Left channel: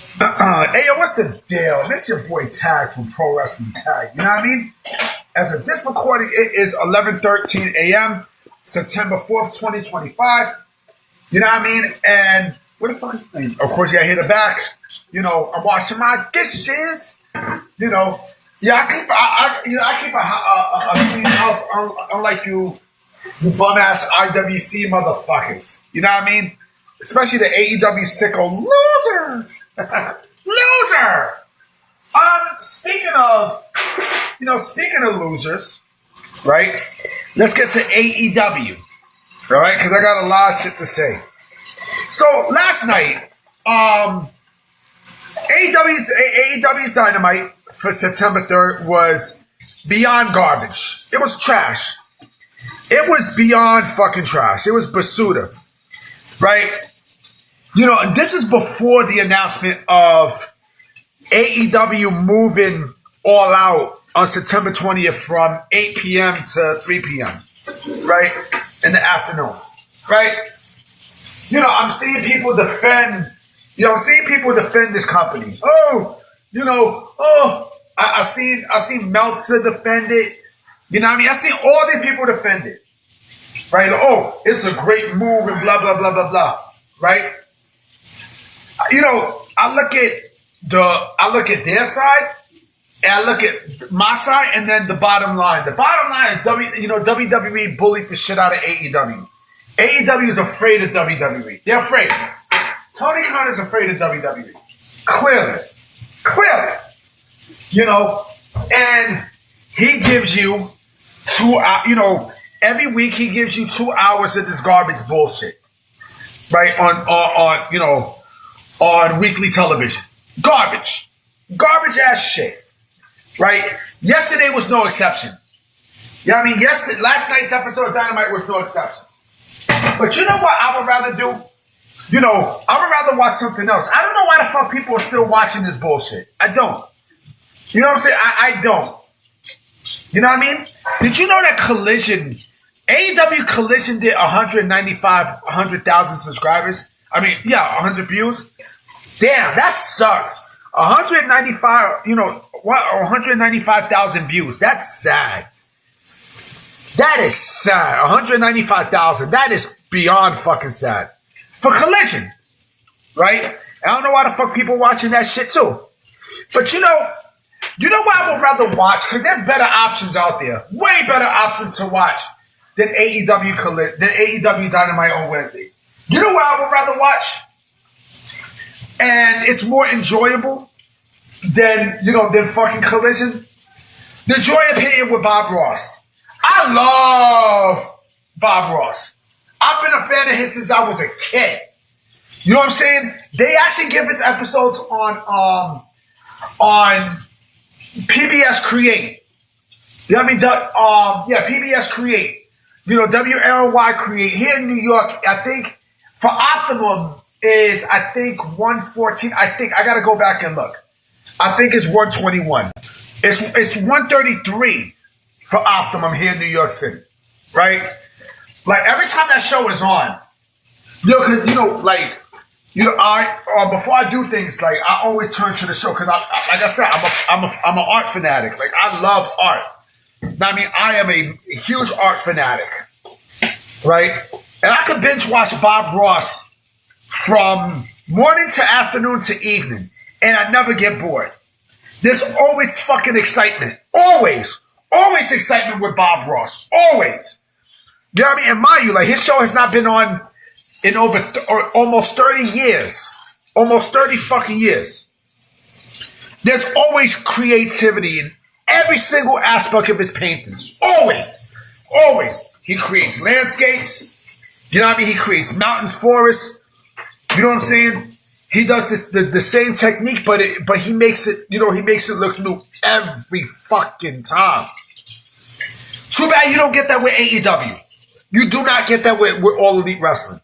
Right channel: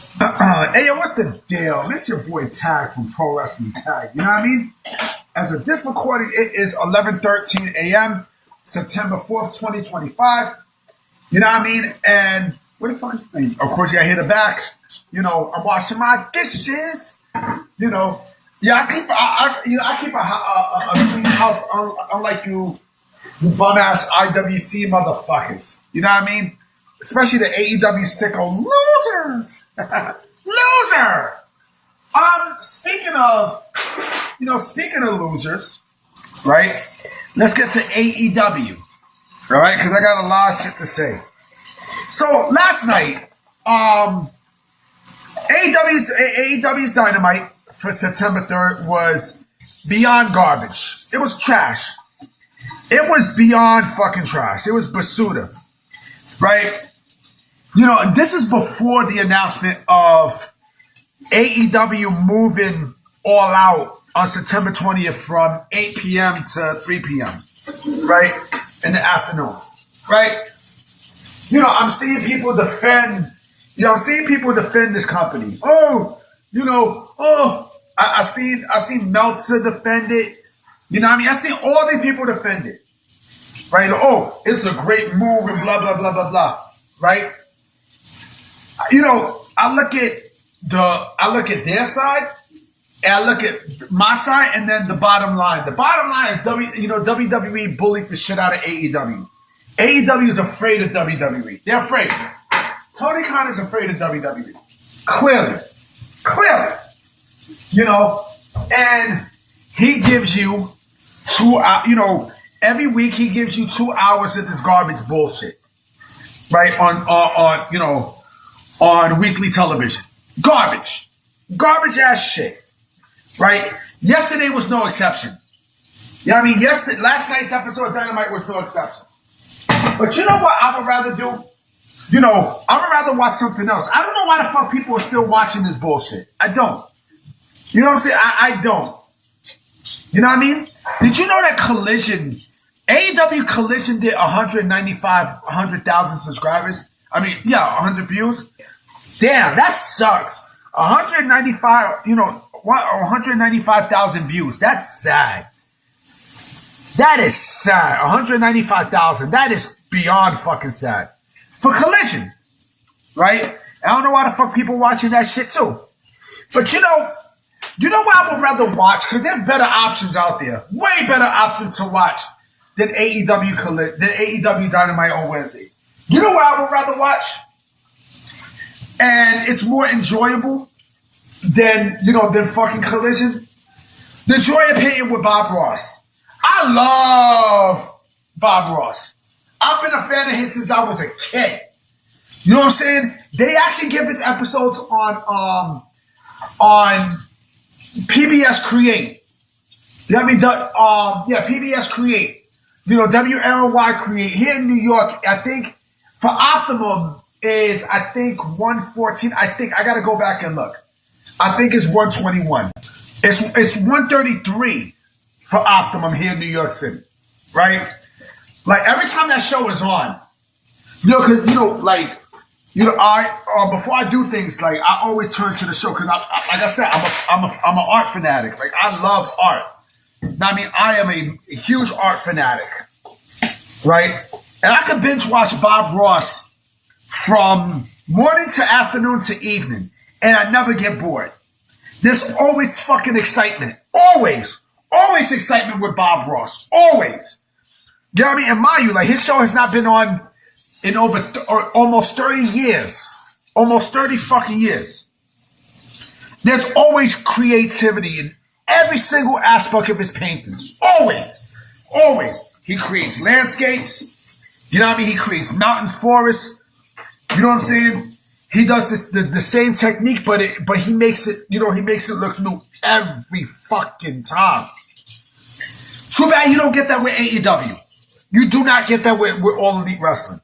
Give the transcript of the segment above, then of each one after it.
Hey, yo, what's the deal? This your boy Tag from Pro Wrestling Tag. You know what I mean? As of this recording, it is 11:13 a.m., September 4th, 2025. You know what I mean? And what the fuck is the thing? Of course, yeah, I hit the back. You know, I'm washing my dishes. You know, yeah, I keep a clean house, unlike you bum ass IWC motherfuckers. You know what I mean? Especially the AEW sicko losers. Loser. Speaking of losers, right? Let's get to AEW. All right, because I got a lot of shit to say. So last night, AEW's Dynamite for September 3rd was beyond garbage. It was trash. It was beyond fucking trash. It was basuda, right? You know, this is before the announcement of AEW moving all out on September 20th from 8 p.m. to 3 p.m., right? In the afternoon, right? You know, I'm seeing people defend this company. I seen Meltzer defend it. You know what I mean? I seen all these people defend it, right? Oh, it's a great move and blah, blah, blah, blah, blah, right? You know, I look at their side, and I look at my side, and then the bottom line. The bottom line is WWE bullied the shit out of AEW. AEW is afraid of WWE. They're afraid. Tony Khan is afraid of WWE. Clearly. You know, and he gives you 2 hours. Every week he gives you 2 hours of this garbage bullshit, right? On weekly television. Garbage ass shit, right? Yesterday was no exception. You know what I mean? Last night's episode of Dynamite was no exception. But you know what I would rather do? You know, I would rather watch something else. I don't know why the fuck people are still watching this bullshit. I don't. You know what I'm saying? I don't. You know what I mean? Did you know that AEW Collision did 100,000 subscribers? 100 views. Damn, that sucks. 195,000 views. That's sad. That is sad. 195,000. That is beyond fucking sad. For Collision. Right? I don't know why the fuck people watching that shit too. But you know what I would rather watch? Because there's better options out there. Way better options to watch than AEW Dynamite on Wednesday. You know what I would rather watch? And it's more enjoyable than fucking Collision. The Joy Opinion with Bob Ross. I love Bob Ross. I've been a fan of his since I was a kid. You know what I'm saying? They actually give his episodes on PBS Create. You know what I mean? PBS Create. You know, WLY Create. Here in New York, I think for Optimum is, 114. I gotta go back and look. I think it's 121. It's 133 for Optimum here in New York City. Right? Like, every time that show is on, before I do things, like, I always turn to the show, because like I said, I'm an art fanatic. Like, I love art. I mean, I am a huge art fanatic, right? And I could binge watch Bob Ross from morning to afternoon to evening, and I never get bored. There's always fucking excitement. Always excitement with Bob Ross. Always. You know what I mean? And mind you, like, his show has not been on in over almost 30 years. Almost 30 fucking years. There's always creativity in every single aspect of his paintings. Always. He creates landscapes. You know what I mean? He creates mountains, forests. You know what I'm saying? He does the same technique, but he makes it look new every fucking time. Too bad you don't get that with AEW. You do not get that with All Elite Wrestling.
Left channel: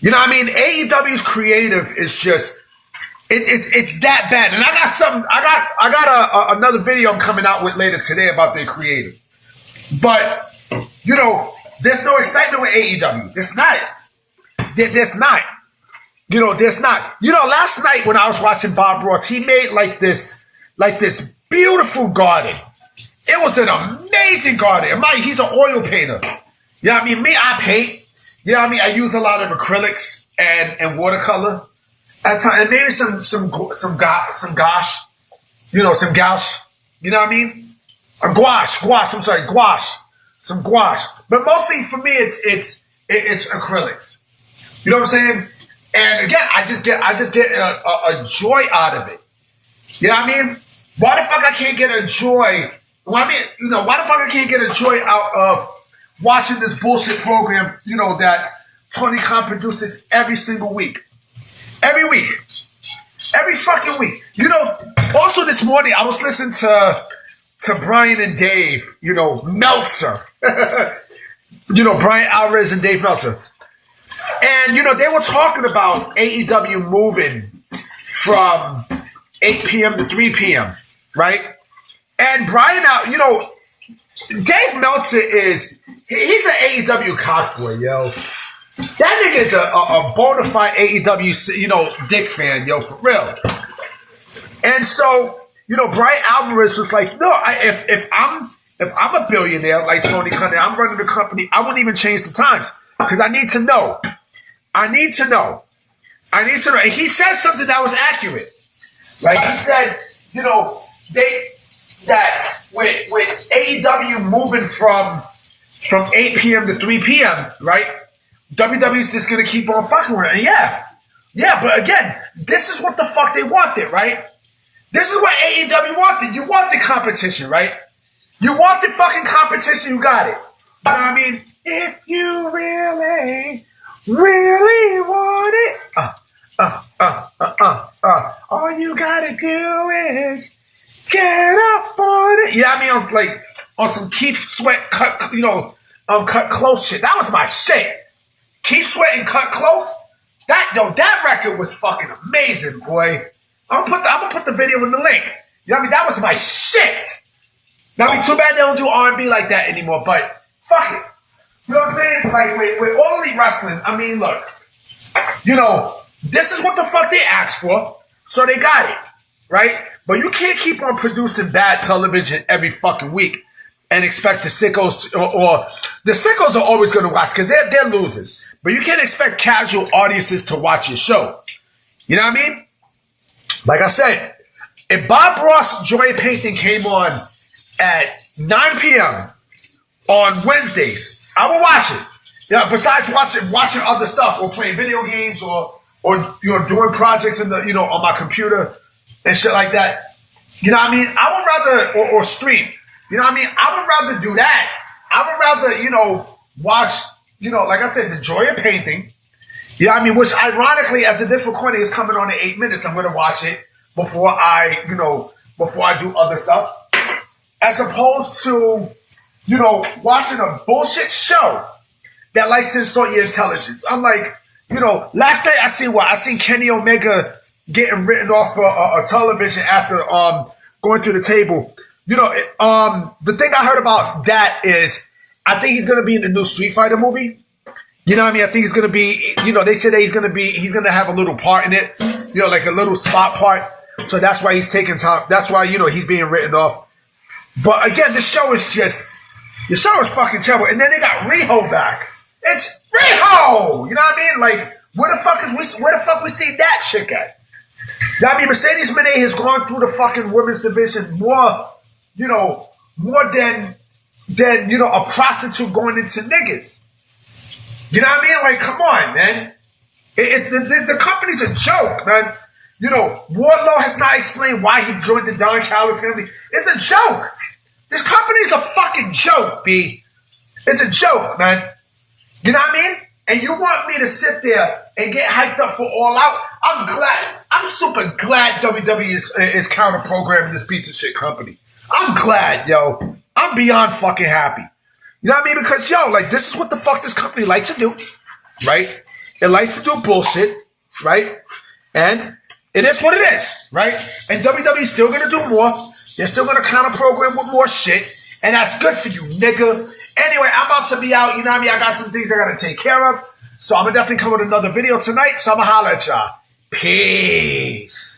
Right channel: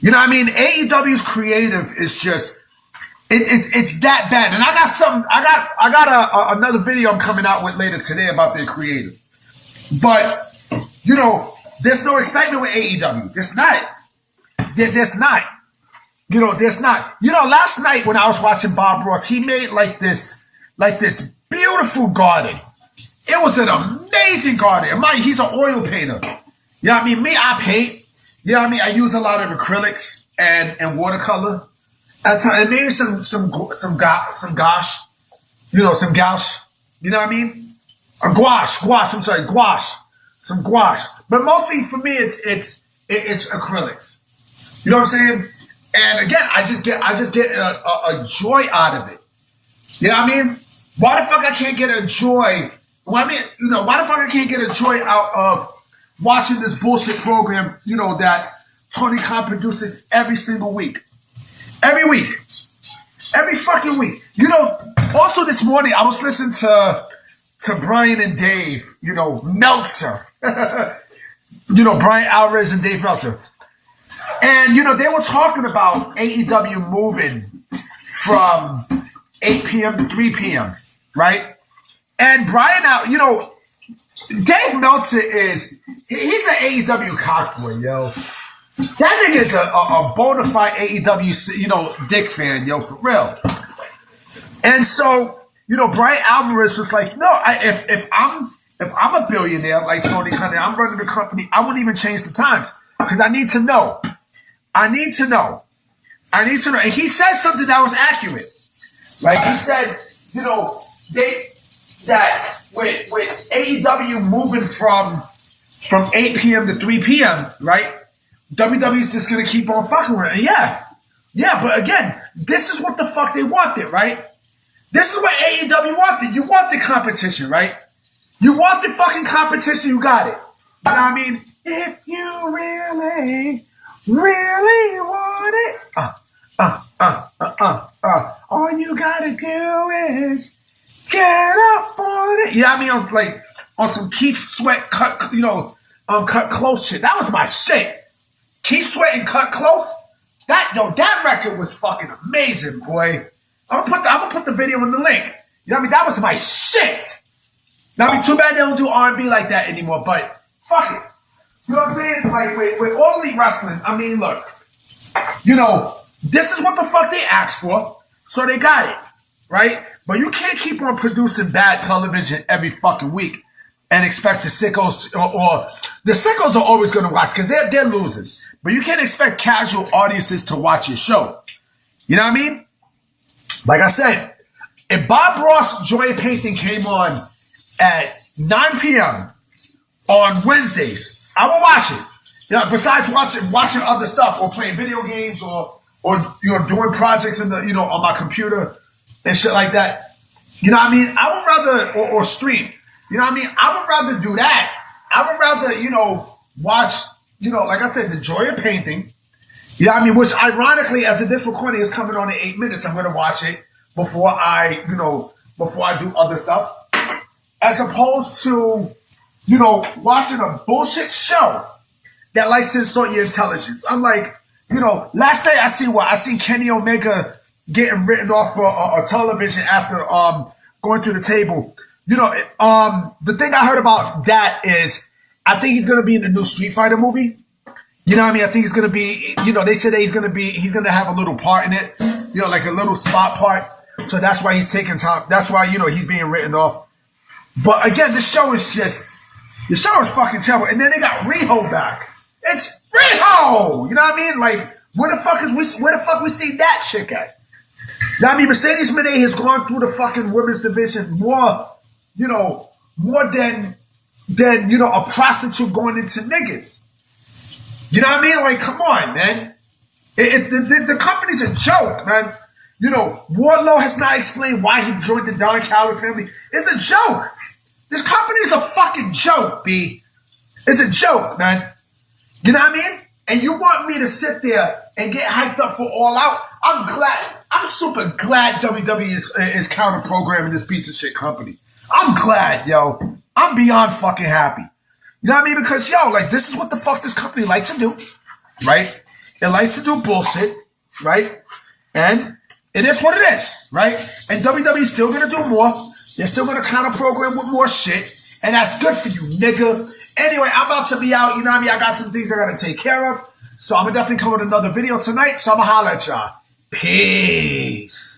You know what I mean? AEW's creative is just it's that bad. And I got another video I'm coming out with later today about their creative. But there's no excitement with AEW. There's not. You know, there's not. You know, last night when I was watching Bob Ross, he made like this beautiful garden. It was an amazing garden. He's an oil painter. You know what I mean? Me, I paint. You know what I mean? I use a lot of acrylics and watercolor. At times, and maybe some gouache. You know, some gouache. You know what I mean? Gouache. I'm sorry, gouache. Some gouache. But mostly for me, it's acrylics. You know what I'm saying? And again, I just get a joy out of it. You know what I mean? Why the fuck I can't get a joy? Well, I mean, you know, why the fuck I can't get a joy out of watching this bullshit program, you know, that Tony Khan produces every single week. Every week. Every fucking week. You know, also this morning I was listening to Brian and Dave, you know, Meltzer. You know, Brian Alvarez and Dave Meltzer. And, you know, they were talking about AEW moving from 8 p.m. to 3 p.m., right? And Brian, you know, Dave Meltzer he's an AEW cockboy, yo. That nigga's a bona fide AEW, you know, dick fan, yo, for real. And so, you know, Brian Alvarez was like, no, if I'm a billionaire like Tony Khan, I'm running the company, I wouldn't even change the times because I need to know. And he said something that was accurate. Like he said, you know, that with AEW moving from 8 p.m. to 3 p.m., right? WWE's just going to keep on fucking with it. Yeah, but again, this is what the fuck they wanted, right? This is what AEW wanted. You want the competition, right? You want the fucking competition, you got it. You know what I mean? If you really want it, all you gotta do is get up on it. Yeah, I mean, I was like on some Keith Sweat cut, you know, Cut Klose shit. That was my shit. Keith Sweat and Cut Klose. That record was fucking amazing, boy. I'm gonna put the video in the link. You know what I mean? That was my shit. Now, I mean, too bad they don't do R&B like that anymore, but fuck it. You know what I'm saying? Like, with All Elite Wrestling, I mean, look, you know, this is what the fuck they asked for, so they got it, right? But you can't keep on producing bad television every fucking week and expect the sickos, or the sickos are always going to watch because they're losers. But you can't expect casual audiences to watch your show. You know what I mean? Like I said, if Bob Ross Joy Painting came on at 9 p.m. on Wednesdays, I will watch it. Yeah, besides watching other stuff or playing video games or you know, doing projects in the, you know, on my computer and shit like that. You know what I mean? I would rather or stream. You know what I mean? I would rather do that. I would rather, you know, watch, you know, like I said, the Joy of Painting. You know what I mean? Which ironically, as this recording is coming on in 8 minutes, I'm going to watch it before I do other stuff. As opposed to, you know, watching a bullshit show that likes to insult your intelligence. I'm like, you know, last night I seen Kenny Omega getting written off for a television after going through the table. You know, the thing I heard about that is I think he's going to be in the new Street Fighter movie. You know what I mean? I think he's going to be, you know, they said that he's going to have a little part in it, you know, like a little spot part. So that's why he's taking time. That's why, you know, he's being written off. But again, the show is fucking terrible. And then they got Riho back. It's Riho! You know what I mean? Like, where the fuck we see that shit at? You know what I mean? Mercedes Moné has gone through the fucking women's division more than, you know, a prostitute going into niggas. You know what I mean? Like, come on, man. The company's a joke, man. You know, Wardlow has not explained why he joined the Don Callis family. It's a joke. This company is a fucking joke, B. It's a joke, man. You know what I mean? And you want me to sit there and get hyped up for All Out? I'm super glad WWE is counter-programming this piece of shit company. I'm glad, yo. I'm beyond fucking happy. You know what I mean? Because, yo, like, this is what the fuck this company likes to do, right? It likes to do bullshit, right? And it is what it is, right? And WWE's still going to do more. They're still going to counter-program with more shit. And that's good for you, nigga. Anyway, I'm about to be out. You know what I mean? I got some things I got to take care of. So I'm gonna definitely come with another video tonight. So I'm gonna holler at y'all. Peace.